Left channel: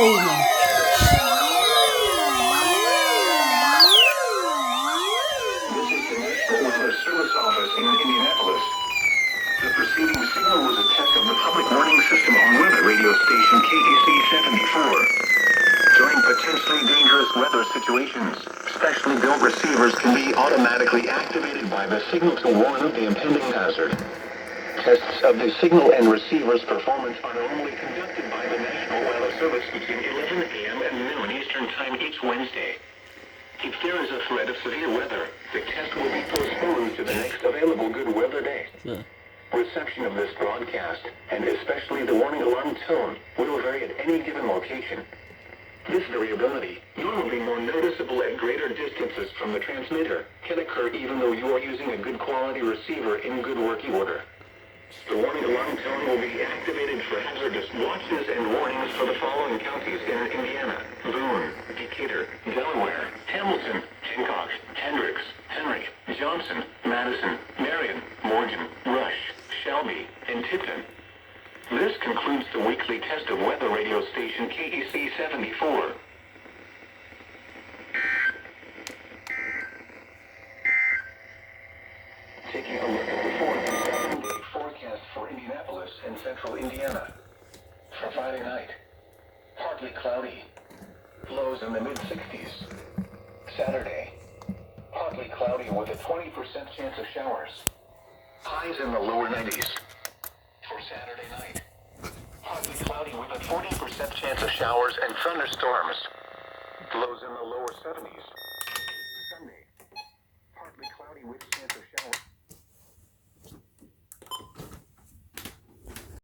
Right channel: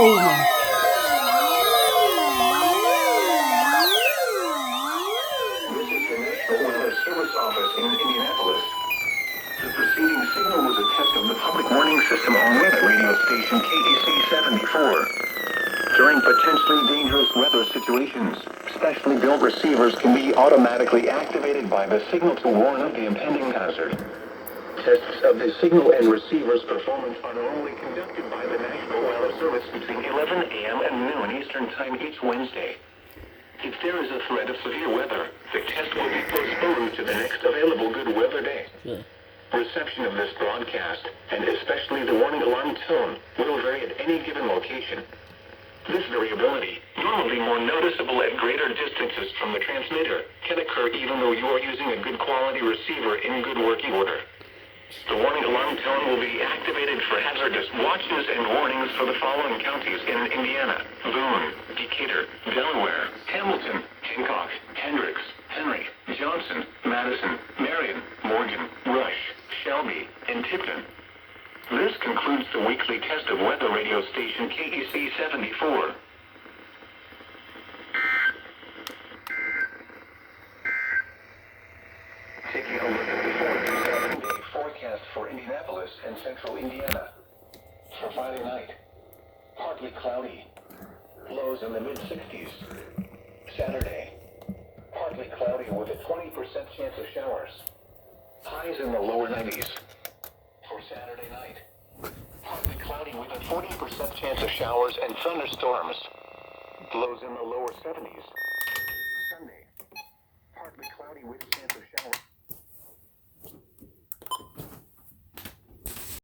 Oh my. This is the National Weather Service Office in Indianapolis. The preceding signal was a test of the public warning system on weather radio station KEC74. During potentially dangerous weather situations, specially built receivers can be automatically activated by the signal to warn of the impending hazard. Tests of the signal and receiver's performance are normally conducted by the National Weather Service between 11 a.m. and noon Eastern Time each Wednesday. If there is a threat of severe weather, the test will be postponed to the next available good weather day. Yeah. Reception of this broadcast, and especially the warning alarm tone, will vary at any given location. This variability, normally more noticeable at greater distances from the transmitter, can occur even though you are using a good quality receiver in good working order. The warning alarm tone will be activated for hazardous watches and warnings for the following counties in Indiana: Boone, Decatur, Delaware, Hamilton, Hancock, Hendricks, Henry, Johnson, Madison, Marion, Morgan, Rush, Shelby, and Tipton. This concludes the weekly test of weather radio station KEC74. Taking a look at the 4-7-day forecast for Indianapolis and central Indiana. For Friday night, partly cloudy, lows in the mid-60s. Saturday, partly cloudy with a 20% chance of showers. Highs in the lower 90s. For Saturday night, partly cloudy with a 40% chance of showers and thunderstorms. Lows in the lower 70s. Sunday, partly cloudy with